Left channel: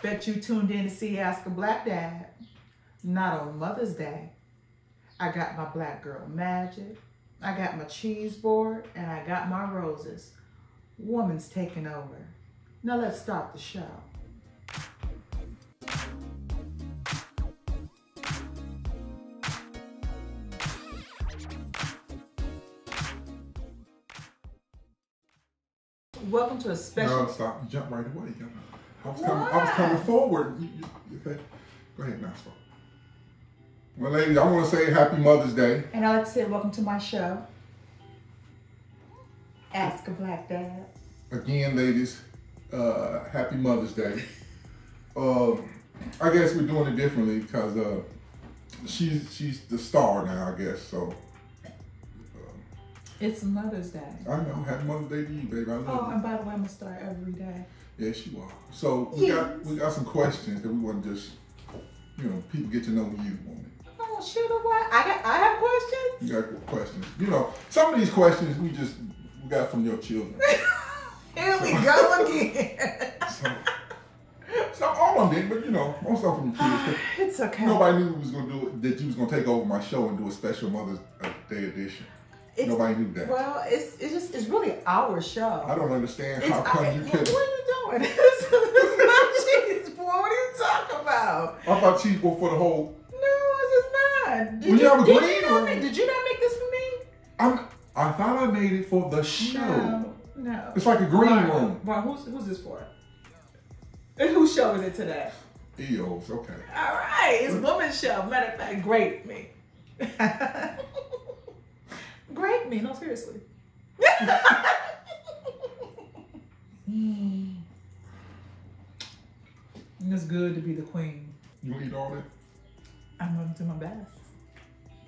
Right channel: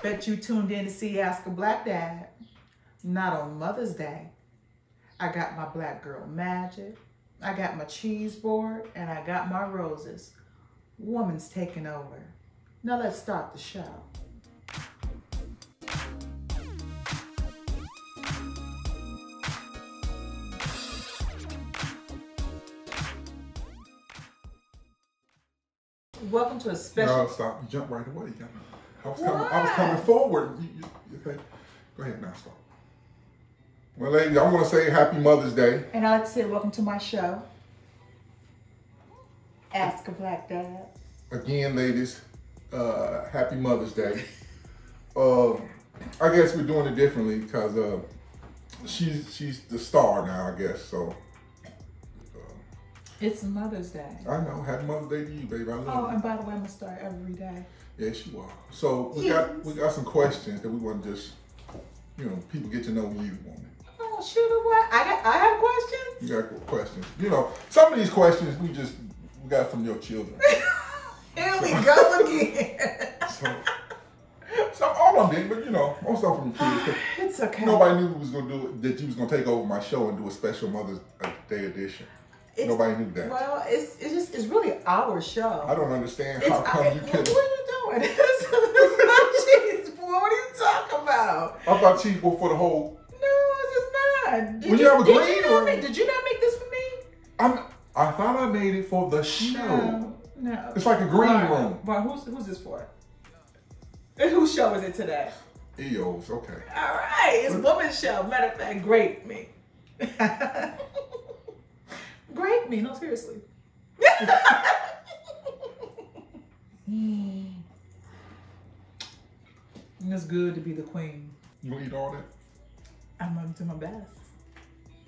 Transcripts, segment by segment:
Bet you tuned in to see Ask a Black Dad. Not on Mother's Day. I got my black girl magic. I got my cheese board, and I got my roses. Woman's taking over. Now let's start the show. Welcome to a special... No, stop. You jump right away. I was coming forward. Okay. Go ahead, Maxwell. Well, ladies, I want to say Happy Mother's Day. And I'd like to say welcome to my show, Ask a Black Dad. Again, ladies, Happy Mother's Day. I guess we're doing it differently because she's the star now, I guess, so... It's Mother's Day. I know. Happy Mother's Day to you, baby. I love you. Oh, and by the way, I'm going to start every day. Yes, you are. So we got some questions that we want to just, people get to know you, woman. Oh, shoot, what? I have questions? You got questions. Some of these questions we got from your children. Here we go again. So all of them, but most of them from your kids. It's okay. Nobody knew we was gonna do it, that you was gonna take over my show and do a special Mother's Day edition. Nobody knew that. Well, it's really our show. I don't understand how come you couldn't. What are you doing? This is not cheese board. What are you talking about? I thought cheese board for the whole. No, this is not. Did you not make this for me? I thought I made it for the show. No. It's like a green room. Well, who's this for? And whose show is it today? EO's, okay. All right, it's woman's show. Matter of fact, grape me. Grape me, no, seriously. It's good to be the queen. You want to eat all that? I'm going to do my best.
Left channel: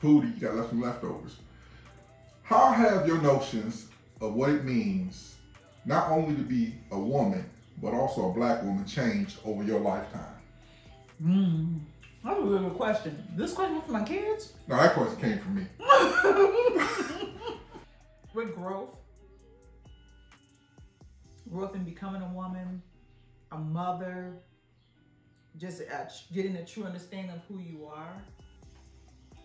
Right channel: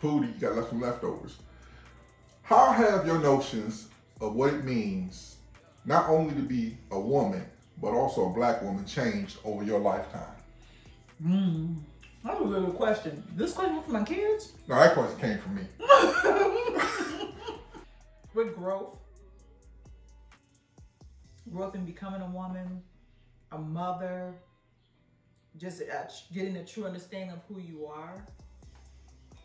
Pootie, you got some leftovers. How have your notions of what it means not only to be a woman, but also a black woman changed over your lifetime? That's a really good question. This question for my kids? No, that question came from me. With growth in becoming a woman, a mother, just getting a true understanding of who you are,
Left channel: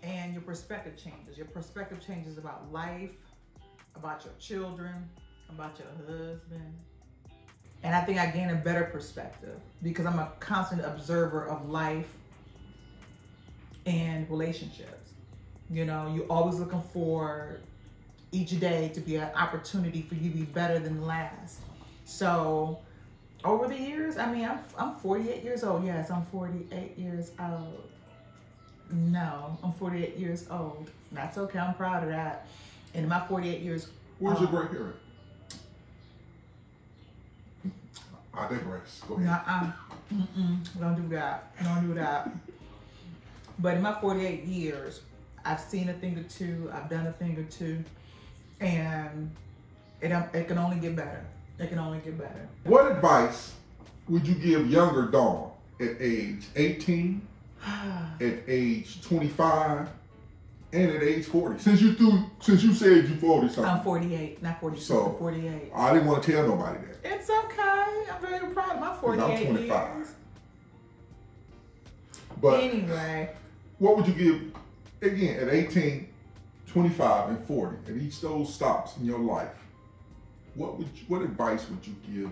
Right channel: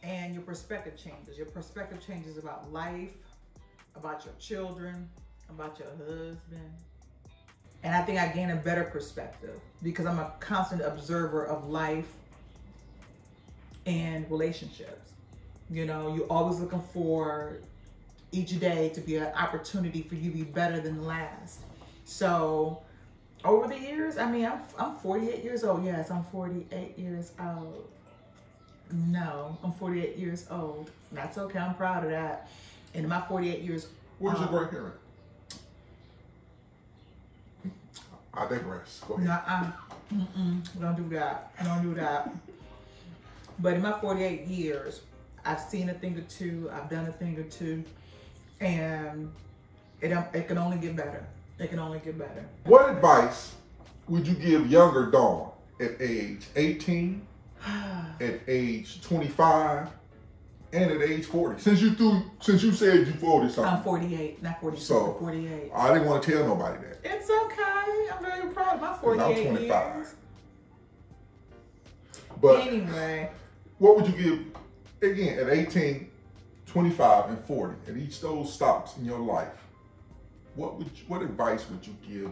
and your perspective changes. Your perspective changes about life, about your children, about your husband. And I think I gain a better perspective because I'm a constant observer of life and relationships. You're always looking for each day to be an opportunity for you to be better than the last. So over the years, I'm 48 years old. Yes, I'm 48 years old. No, I'm 48 years old. That's okay. I'm proud of that. And in my 48 years, where's your gray hair at? I digress. Go ahead. Don't do that. Don't do that. But in my 48 years, I've seen a thing or two. I've done a thing or two. And it can only get better. It can only get better. What advice would you give younger Dawn at age 18, at age 25, and at age 40? Since you said you're 40 something. I'm 48, not 40. So 48. I didn't want to tell nobody that. It's okay. I'm very proud of my 48 I'm 25. years. But anyway, what would you give again at 18, 25, and 40? At each of those stops in your life, what advice would you give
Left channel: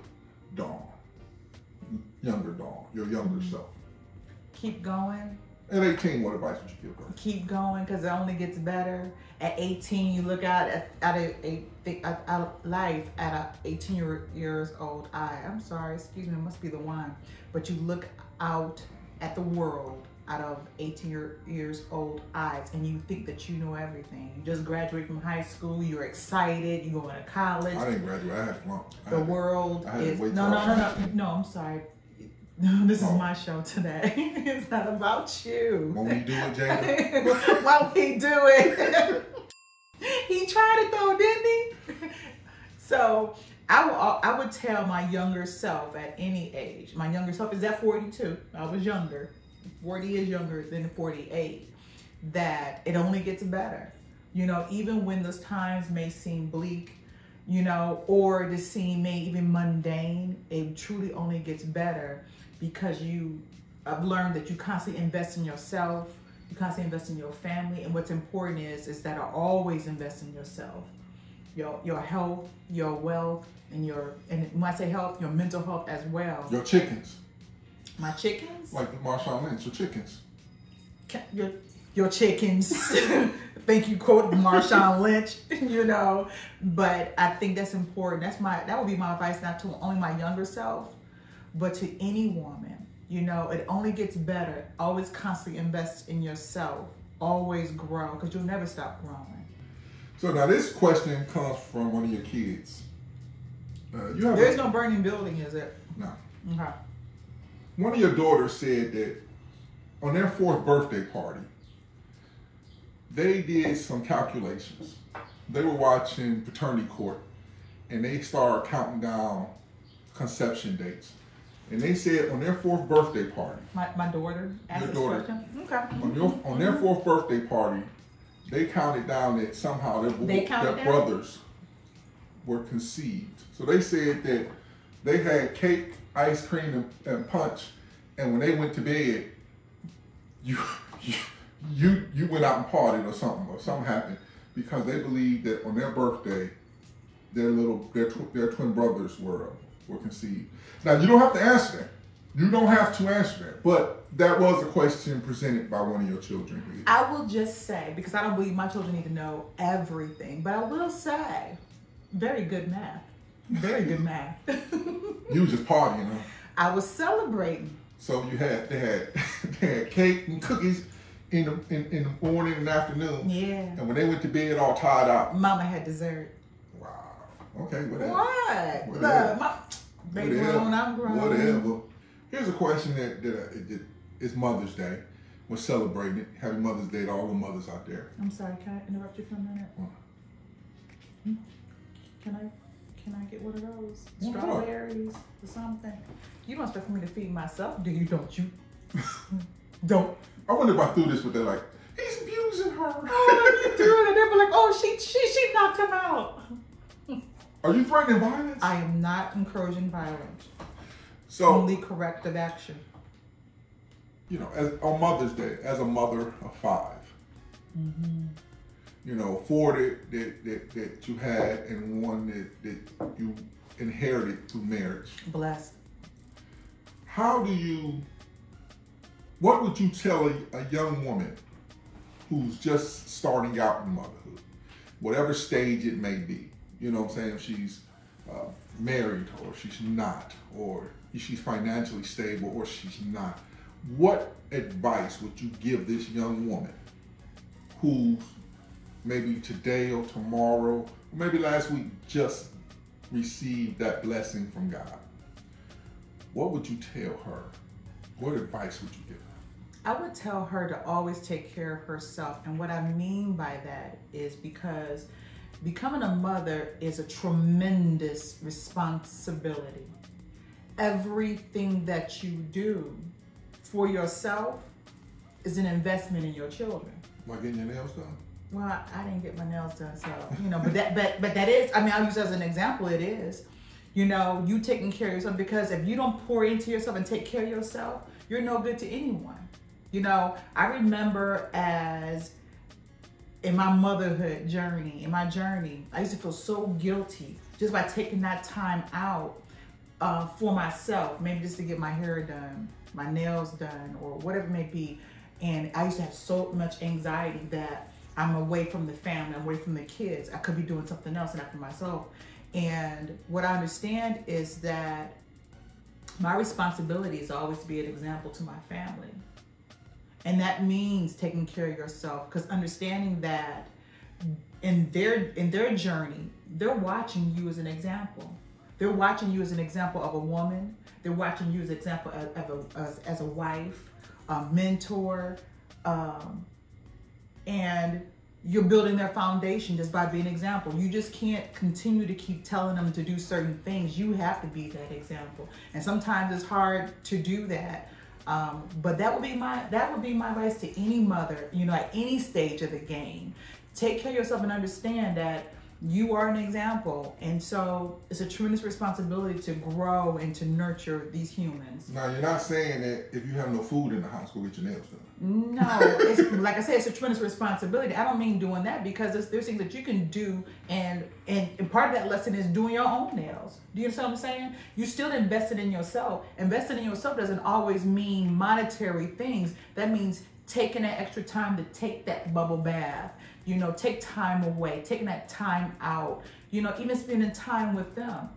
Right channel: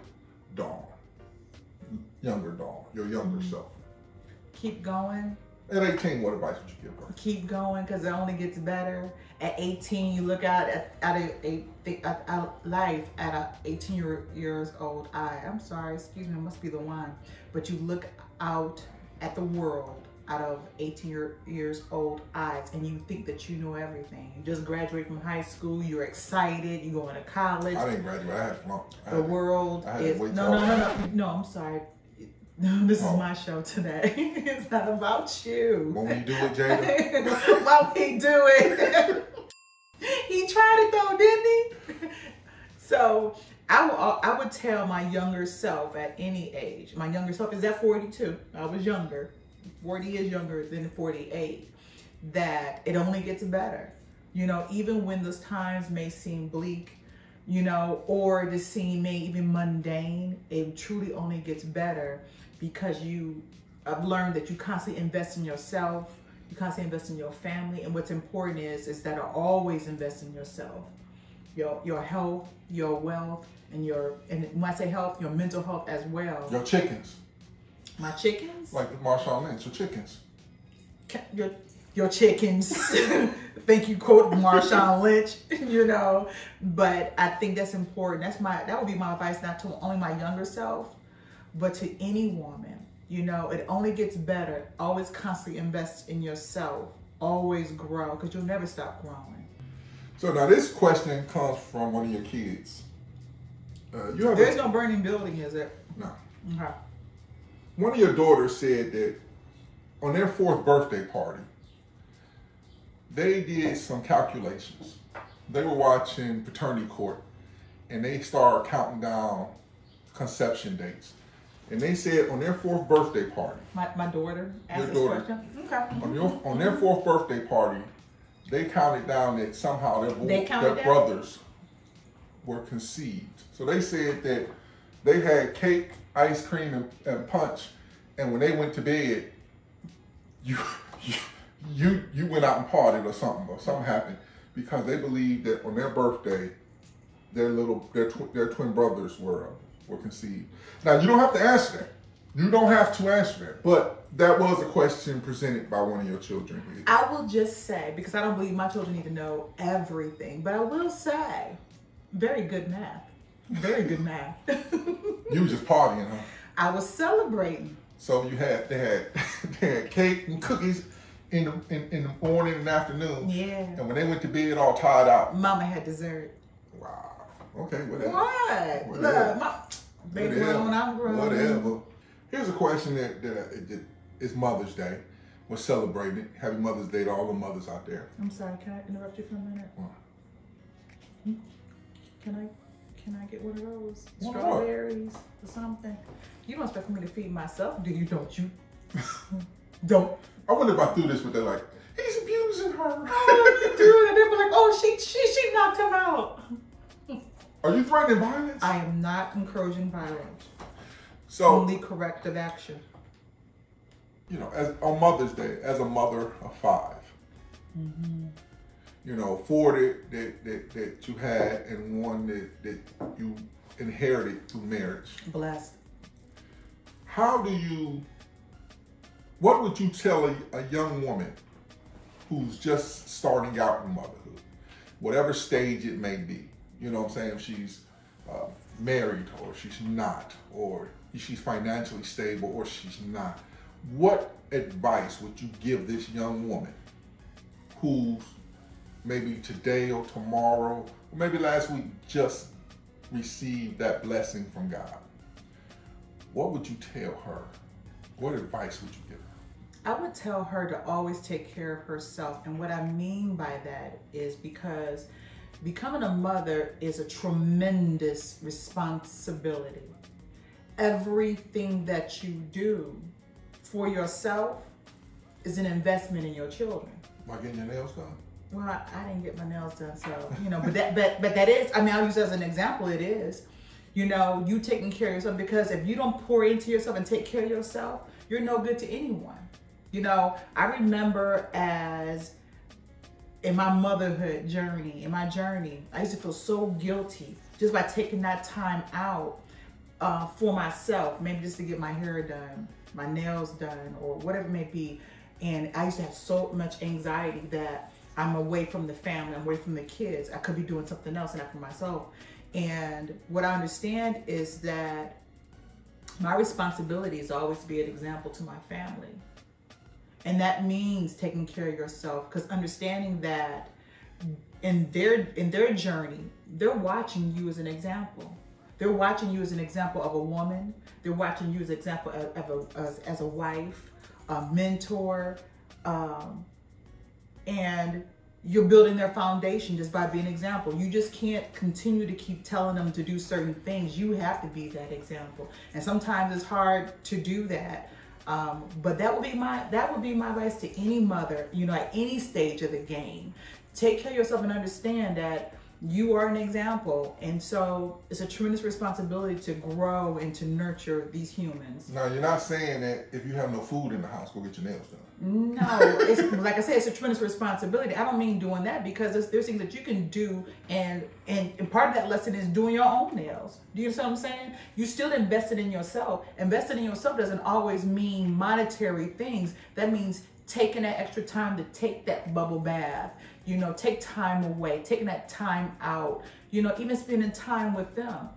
Dawn, younger Dawn, your younger self? Keep going. At 18, what advice would you give her? Keep going, because it only gets better. At 18, you look out at life at a 18 years old eye. I'm sorry, excuse me, it must be the wine. But you look out at the world out of 18 years old eyes, and you think that you know everything. You just graduate from high school, you're excited, you're going to college. I didn't graduate, I had flunk. The world is, no, I'm sorry. This is my show today. It's not about you. Won't we do it, Jada? Won't he do it? He tried it though, didn't he? So I would tell my younger self at any age. My younger self is at 42. I was younger. 40 is younger than 48. That it only gets better. Even when those times may seem bleak, or just seem may even mundane, it truly only gets better because I've learned that you constantly invest in yourself, you constantly invest in your family, and what's important is that I always invest in yourself, your health, your wealth, and when I say health, your mental health as well. Your chickens. My chickens? Like the Marshawn Lynch, your chickens. Your chickens. Thank you, quote Marshawn Lynch, but I think that's important. That would be my advice, not to only my younger self, but to any woman. It only gets better. Always constantly invest in yourself. Always grow, because you'll never stop growing. So now this question comes from one of your kids. There's no burning building, is there? No. Okay. One of your daughters said that on their 4th birthday party, they did some calculations. They were watching Paternity Court, and they started counting down conception dates. And they said on their 4th birthday party. My daughter asked this question? Okay. On their 4th birthday party, they counted down that somehow their brothers were conceived. So they said that they had cake, ice cream, and punch, and when they went to bed, you went out and partied or something happened, because they believed that on their birthday, their twin brothers were conceived. Now, you don't have to answer that. You don't have to answer that, but that was a question presented by one of your children. I will just say, because I don't believe my children need to know everything, but I will say, very good math. Very good math. You was just partying, huh? I was celebrating. So they had cake and cookies in the morning and afternoon. Yeah. And when they went to bed all tired out. Mama had dessert. Wow. Okay, whatever. What? Whatever. Look, baby grown, I'm grown. Whatever. Here's a question that is Mother's Day. We're celebrating it. Happy Mother's Day to all the mothers out there. I'm sorry, can I interrupt you for a minute? What? Can I get one of those? Strawberries or something? You don't expect me to feed myself, do you? Don't you? Don't. I wonder if I threw this, but they're like, he's abusing her. Oh, you threw it, and they'll be like, oh, she knocked him out. Are you threatening violence? I am not encouraging violence. So, only corrective action. On Mother's Day, as a mother of 5, 4 that you had and 1 that you inherited through marriage. Blessed. What would you tell a young woman who's just starting out in motherhood, whatever stage it may be? You know what I'm saying? If she's married or she's not, or if she's financially stable or she's not. What advice would you give this young woman who's maybe today or tomorrow, or maybe last week, just received that blessing from God? What would you tell her? What advice would you give her? I would tell her to always take care of herself. And what I mean by that is because becoming a mother is a tremendous responsibility. Everything that you do for yourself is an investment in your children. Like getting your nails done? Well, I didn't get my nails done, so, but that is, I'll use it as an example, it is. You taking care of yourself, because if you don't pour into yourself and take care of yourself, you're no good to anyone. I remember in my motherhood journey, I used to feel so guilty just by taking that time out for myself, maybe just to get my hair done, my nails done, or whatever it may be. And I used to have so much anxiety that I'm away from the family, I'm away from the kids. I could be doing something else and not for myself. And what I understand is that my responsibility is always to be an example to my family. And that means taking care of yourself, because understanding that in their journey, they're watching you as an example. They're watching you as an example of a woman. They're watching you as an example as a wife, a mentor, and you're building their foundation just by being an example. You just can't continue to keep telling them to do certain things. You have to be that example. And sometimes it's hard to do that. But that would be my advice to any mother, at any stage of the game. Take care of yourself and understand that You are an example. And so it's a tremendous responsibility to grow and to nurture these humans. Now, you're not saying that if you have no food in the house, go get your nails done. No, it's like I said, it's a tremendous responsibility. I don't mean doing that, because there's things that you can do, and part of that lesson is doing your own nails. Do you understand what I'm saying? You still invested in yourself. Invested in yourself doesn't always mean monetary things. That means taking that extra time to take that bubble bath, you know, take time away, taking that time out, you know, even spending time with them.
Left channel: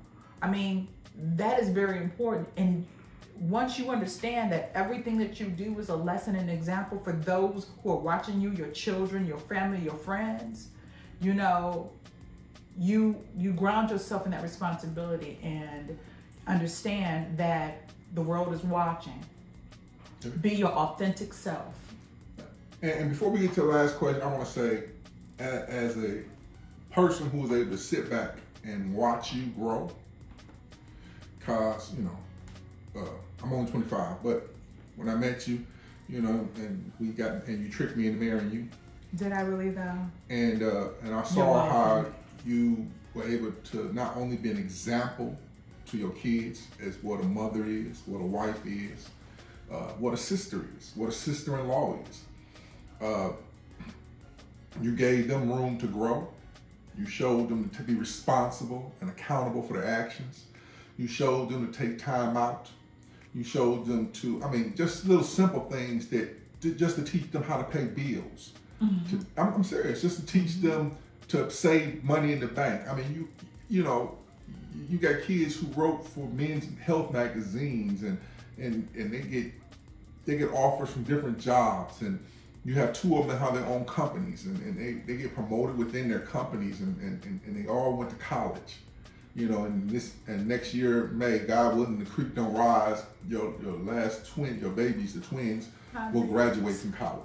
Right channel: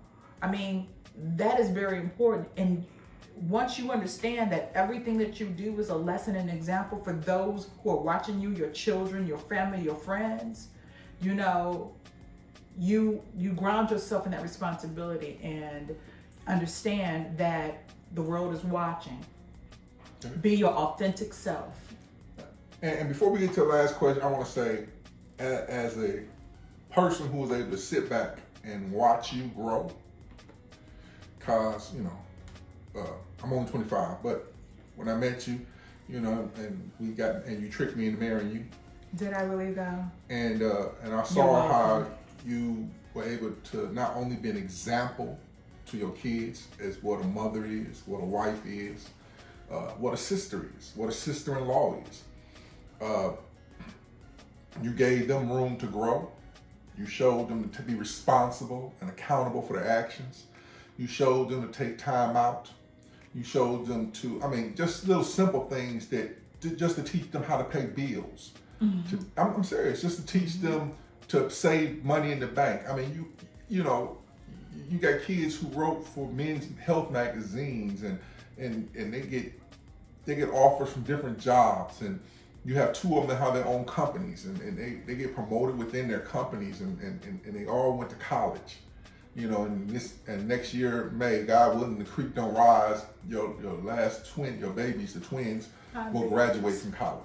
I mean, that is very important. And once you understand that everything that you do is a lesson and example for those who are watching you, your children, your family, your friends, you know, you ground yourself in that responsibility and understand that the world is watching. Be your authentic self. And before we get to the last question, I want to say, as a person who was able to sit back and watch you grow, because, you know, I'm only 25, but when I met you, you know, and you tricked me into marrying you. Did I really though? And I saw how you were able to not only be an example to your kids as what a mother is, what a wife is, what a sister is, what a sister-in-law is. You gave them room to grow. You showed them to be responsible and accountable for their actions. You showed them to take time out. You showed them to, I mean, just little simple things just to teach them how to pay bills. Mm-hmm. I'm serious, just to teach them to save money in the bank. I mean, you know, you got kids who wrote for men's health magazines, and they get offers from different jobs, and you have two of them that have their own companies, and they get promoted within their companies, and they all went to college. You know, and next year, May, God willing, the creek don't rise, your last twin, your babies, the twins, will graduate from college.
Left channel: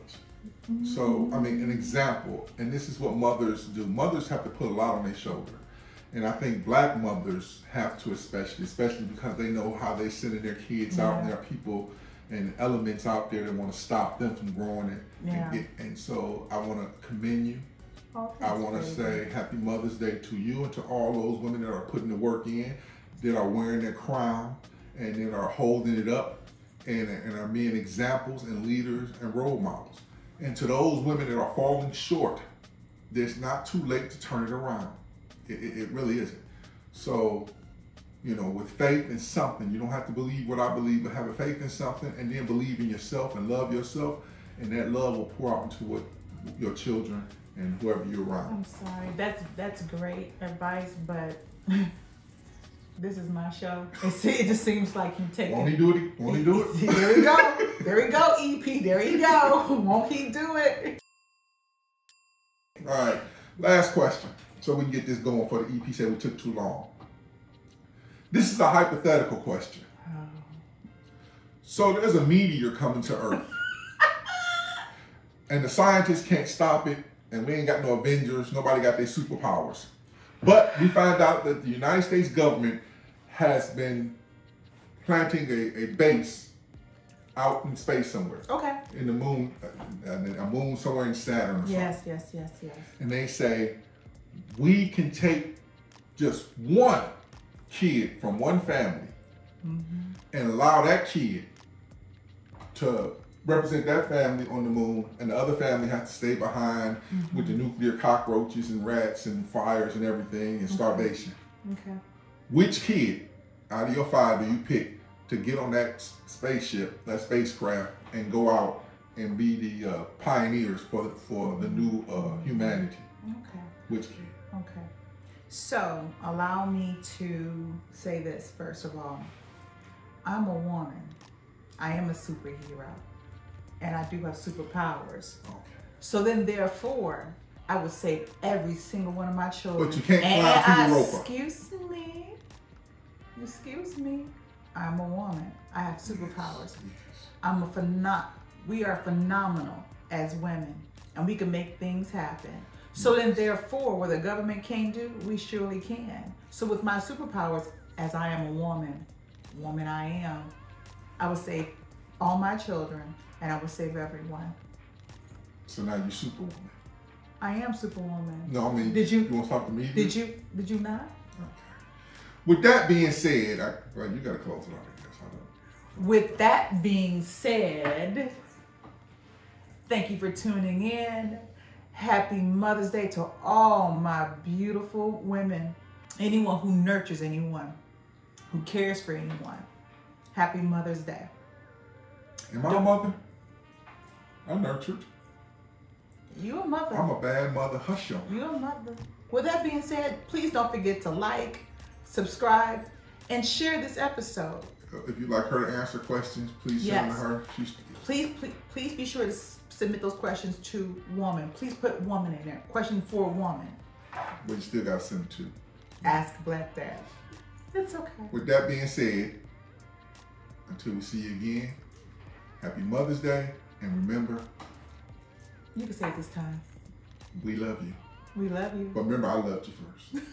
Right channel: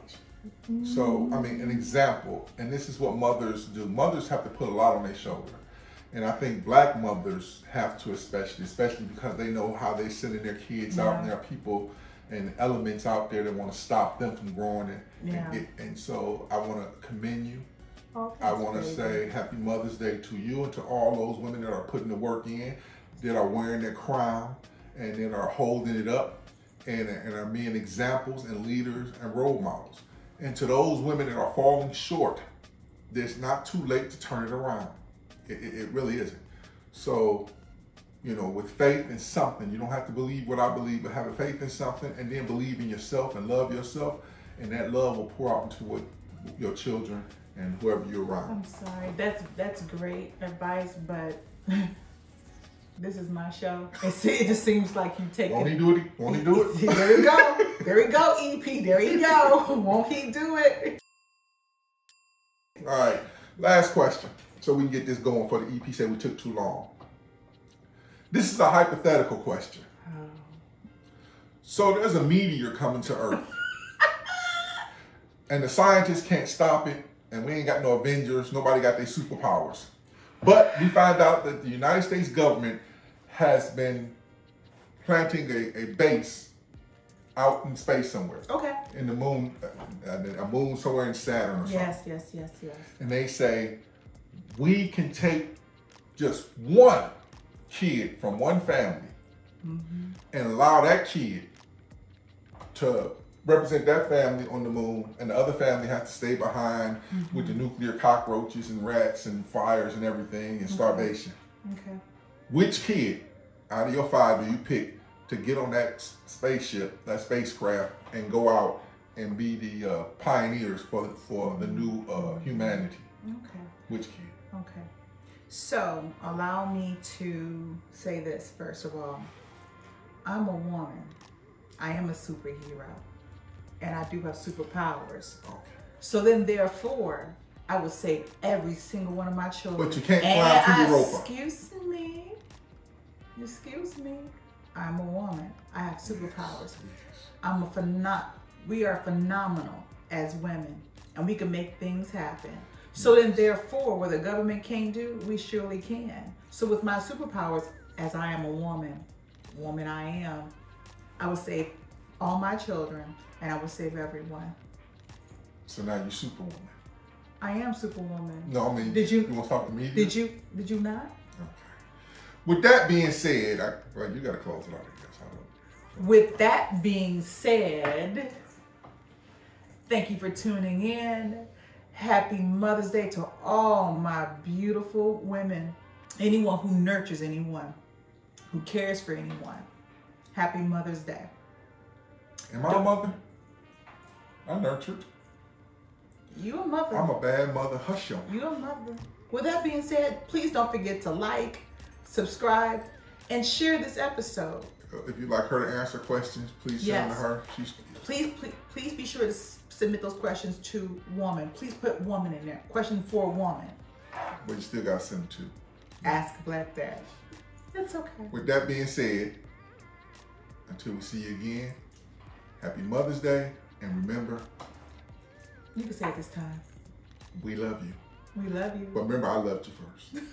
Mm-hmm. So, I mean, an example, and this is what mothers do. Mothers have to put a lot on their shoulder. And I think Black mothers have to especially because they know how they sending their kids out, and there are people and elements out there that want to stop them from growing it. And so I want to commend you. Oh, I want to say Happy Mother's Day to you and to all those women that are putting the work in, that are wearing their crown, and that are holding it up, and are being examples and leaders and role models. And to those women that are falling short, it's not too late to turn it around. It really isn't. So, you know, with faith in something, you don't have to believe what I believe, but have a faith in something, and then believe in yourself and love yourself, and that love will pour out into what your children and whoever you're around. I'm sorry, that's great advice, but this is my show. It just seems like you take it. Won't he do it? Won't he do it? There we go. There we go, EP. There you go. Won't he do it? All right, last question, so we can get this going for the EP. Say we took too long. This is a hypothetical question. Oh. So there's a meteor coming to Earth, and the scientists can't stop it, and we ain't got no Avengers, nobody got their superpowers. But we find out that the United States government has been planting a base out in space somewhere. Okay. In the moon, a moon somewhere in Saturn or something. Yes. And they say, we can take just one kid from one family and allow that kid to represent that family on the moon, and the other family has to stay behind with the nuclear cockroaches and rats and fires and everything and starvation. Okay. Which kid out of your 5 do you pick to get on that spaceship, that spacecraft, and go out and be the pioneers for the new humanity? Okay. Which kid? Okay. So allow me to say this first of all. I'm a woman. I am a superhero. And I do have superpowers. Okay. So then therefore, I would save every single one of my children. But you can't climb through Europa. Excuse me. I'm a woman. I have superpowers. We are phenomenal as women, and we can make things happen. So then therefore, what the government can't do, we surely can. So with my superpowers, as I am a woman I am, I would save all my children, and I would save everyone. So now you're Superwoman. I am Superwoman. No, I mean, did you want to talk to me? Did you not? Okay. With that being said, well, you got to close it out, I guess. I know. With that being said, thank you for tuning in. Happy Mother's Day to all my beautiful women. Anyone who nurtures anyone, who cares for anyone. Happy Mother's Day. Am I a mother? I'm nurtured. You a mother. I'm a bad mother. Hush you. You a mother. With that being said, please don't forget to like, subscribe, and share this episode. If you'd like her to answer questions, please send them to her. Please be sure to submit those questions to woman. Please put woman in there. Question for a woman. But you still got to send them to Ask Black Dad. It's okay. With that being said, until we see you again, happy Mother's Day. And remember, you can say it this time. We love you. We love you. But remember, I loved you first.